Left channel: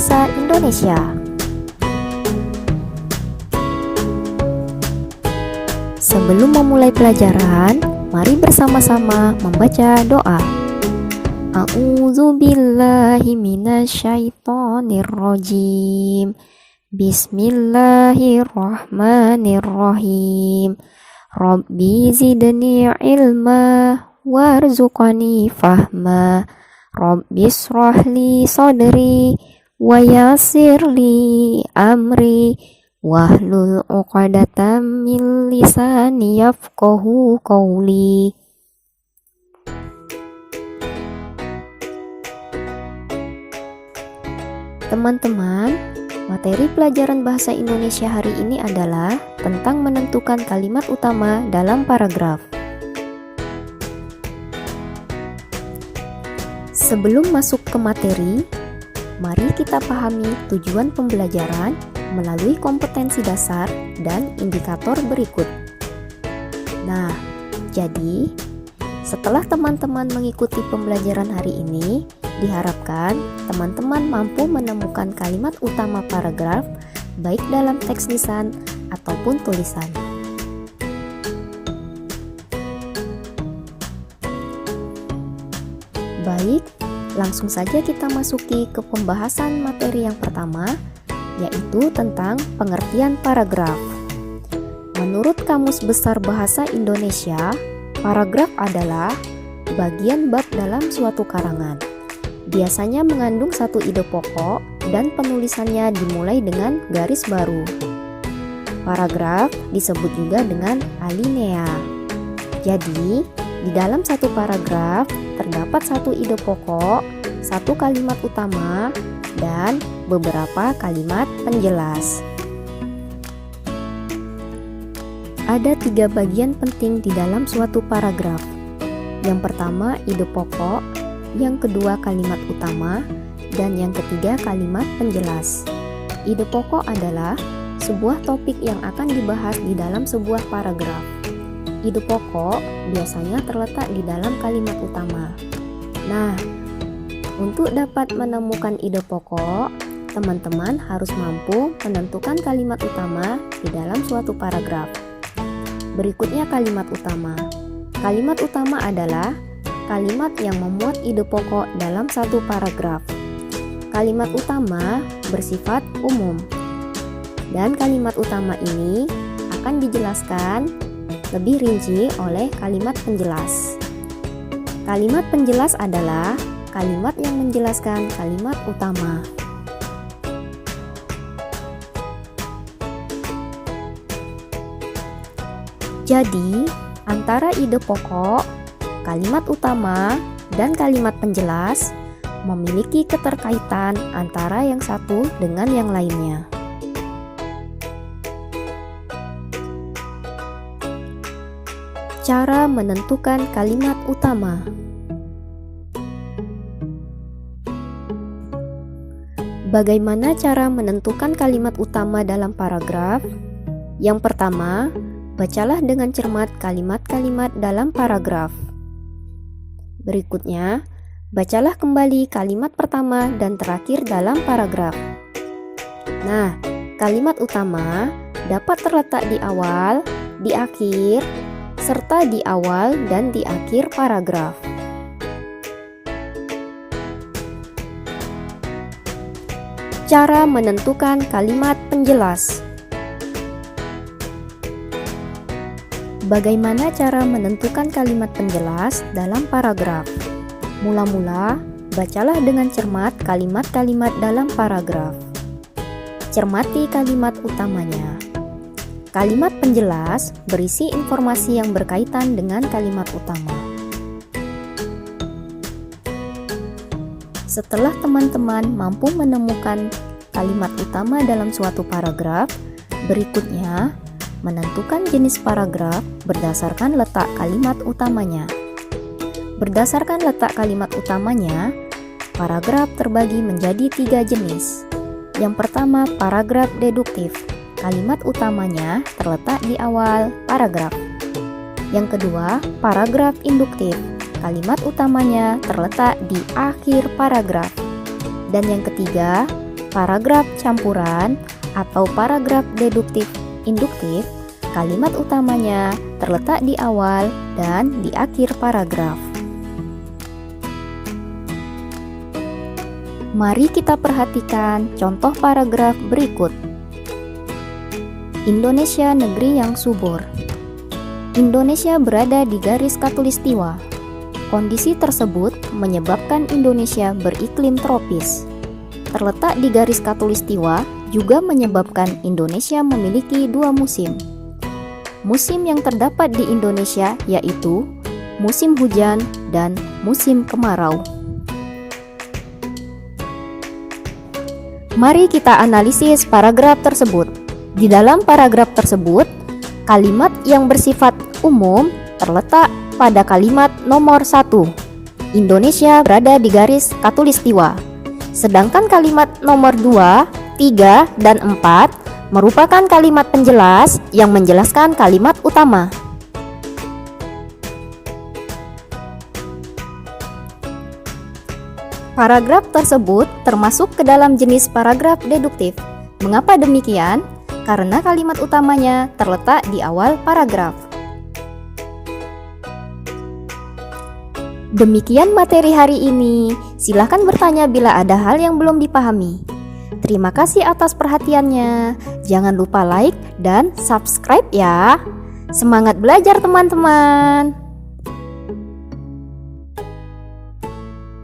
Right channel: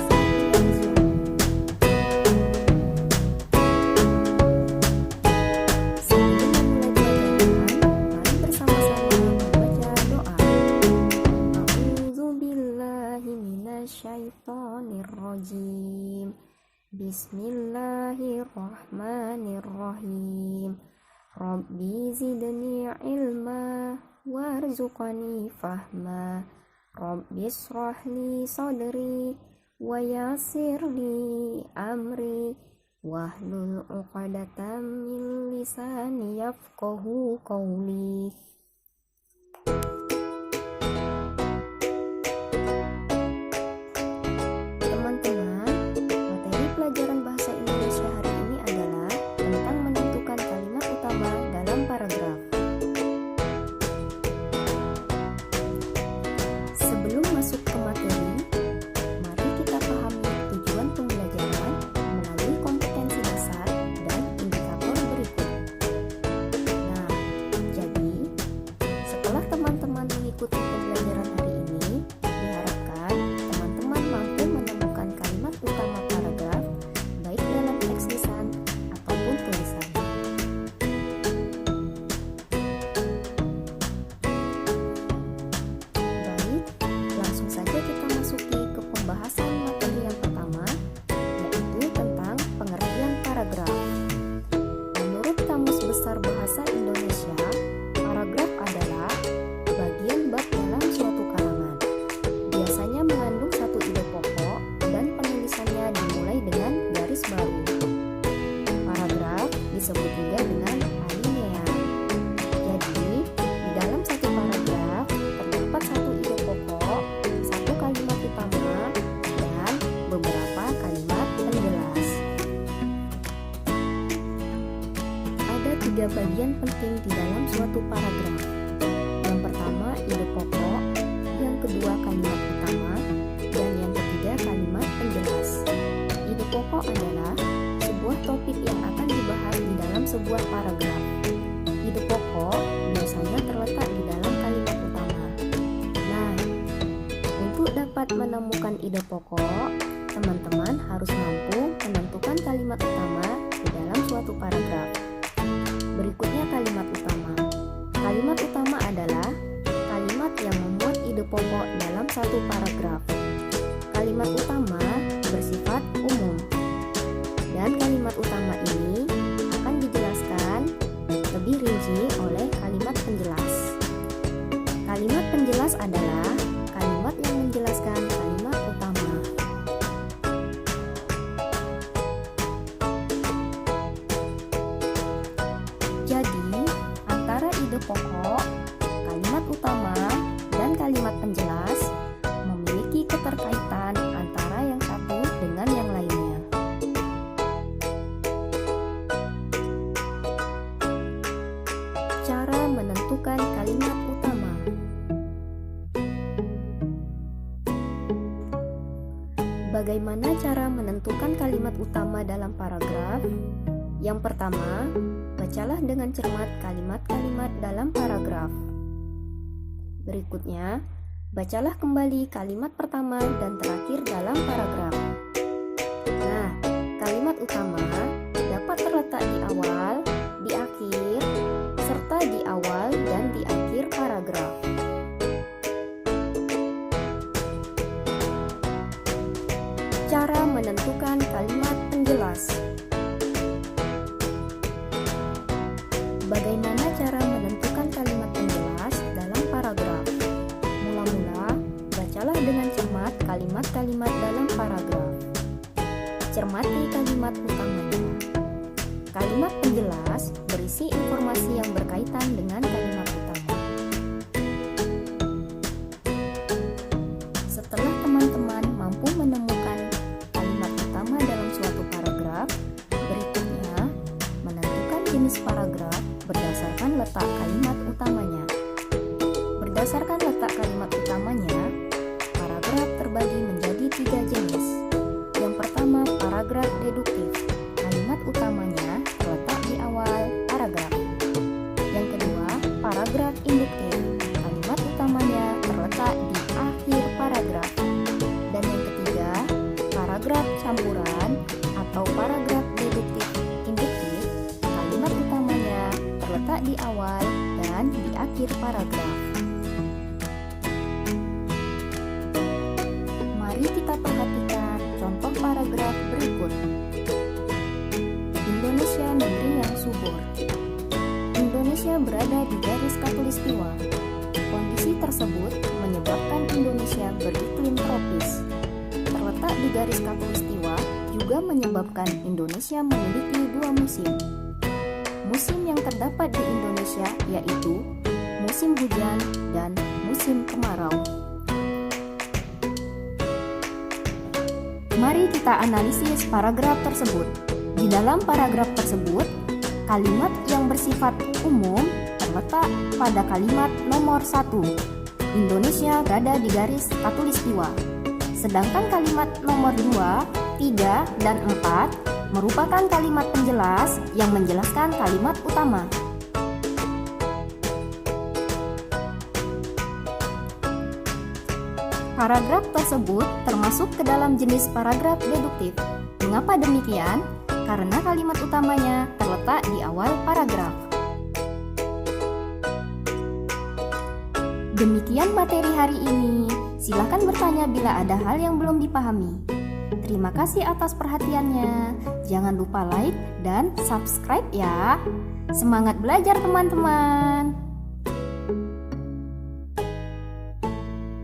Bahasa Indonesia. Sebelum memulai pelajaran, mari bersama-sama membaca doa. A'udzubillahi minasyaitonirrajim. Bismillahirrahmanirrahim. Rabbi zidni ilma warzuqni fahma. Rabbi shrahli sadri wa yassirli amri wahlul 'uqdatam min lisani yafqahu qawli. Teman-teman, materi pelajaran bahasa Indonesia hari ini adalah tentang menentukan kalimat utama dalam paragraf. Sebelum masuk ke materi, mari kita pahami tujuan pembelajaran melalui kompetensi dasar dan indikator berikut. Nah, jadi setelah teman-teman mengikuti pembelajaran hari ini, diharapkan teman-teman mampu menemukan kalimat utama paragraf baik dalam teks lisan ataupun tulisan. Baik, langsung saja kita masuki ke pembahasan materi yang pertama, yaitu tentang pengertian paragraf. Menurut Kamus Besar Bahasa Indonesia, paragraf adalah bagian bab dalam suatu karangan. Biasanya mengandung satu ide pokok dan penulisannya dimulai dengan garis baru. Paragraf disebut juga dengan alinea. Jadi, di dalam satu paragraf terdapat satu ide pokok, satu kalimat utama, dan beberapa kalimat penjelas. Ada 3 bagian penting di dalam suatu paragraf. Yang pertama, ide pokok, yang kedua kalimat utama, dan yang ketiga kalimat penjelas. Ide pokok adalah sebuah topik yang akan dibahas di dalam sebuah paragraf. Ide pokok biasanya terletak di dalam kalimat utama. Nah, untuk dapat menemukan ide pokok, teman-teman harus mampu menentukan kalimat utama di dalam suatu paragraf. Berikutnya kalimat utama. Kalimat utama adalah kalimat yang memuat ide pokok dalam satu paragraf. Kalimat utama bersifat umum, dan kalimat utama ini akan dijelaskan lebih rinci oleh kalimat penjelas. Kalimat penjelas adalah kalimat yang menjelaskan kalimat utama. Jadi, antara ide pokok, kalimat utama, dan kalimat penjelas memiliki keterkaitan antara yang satu dengan yang lainnya. Cara menentukan kalimat utama. Bagaimana cara menentukan kalimat utama dalam paragraf? Yang pertama, bacalah dengan cermat kalimat-kalimat dalam paragraf. Berikutnya, bacalah kembali kalimat pertama dan terakhir dalam paragraf. Nah, kalimat utama dapat terletak di awal, di akhir, serta di awal dan di akhir paragraf. Cara menentukan kalimat penjelas. Bagaimana cara menentukan kalimat penjelas dalam paragraf? Mula-mula, bacalah dengan cermat kalimat-kalimat dalam paragraf. Cermati kalimat utamanya. Kalimat penjelas berisi informasi yang berkaitan dengan kalimat utama. Setelah teman-teman mampu menemukan kalimat utama dalam suatu paragraf, berikutnya menentukan jenis paragraf berdasarkan letak kalimat utamanya. Berdasarkan letak kalimat utamanya, paragraf terbagi menjadi 3 jenis. Yang pertama, paragraf deduktif. Kalimat utamanya terletak di awal paragraf. Yang kedua, paragraf induktif. Kalimat utamanya terletak di akhir paragraf. Dan yang ketiga, paragraf campuran atau paragraf deduktif induktif, kalimat utamanya terletak di awal dan di akhir paragraf. Mari kita perhatikan contoh paragraf berikut. Indonesia negeri yang subur. Indonesia berada di garis khatulistiwa. Kondisi tersebut menyebabkan Indonesia beriklim tropis. Terletak di garis khatulistiwa juga menyebabkan Indonesia memiliki dua musim. Musim yang terdapat di Indonesia yaitu musim hujan dan musim kemarau. Mari kita analisis paragraf tersebut. Di dalam paragraf tersebut, kalimat yang bersifat umum terletak pada kalimat nomor 1. Indonesia berada di garis khatulistiwa. Sedangkan kalimat nomor 2, 3, dan 4 merupakan kalimat penjelas yang menjelaskan kalimat utama. Paragraf tersebut termasuk ke dalam jenis paragraf deduktif. Mengapa demikian? Karena kalimat utamanya terletak di awal paragraf. Demikian materi hari ini. Silahkan bertanya bila ada hal yang belum dipahami. Terima kasih atas perhatiannya. Jangan lupa like dan subscribe ya. Semangat belajar teman-teman.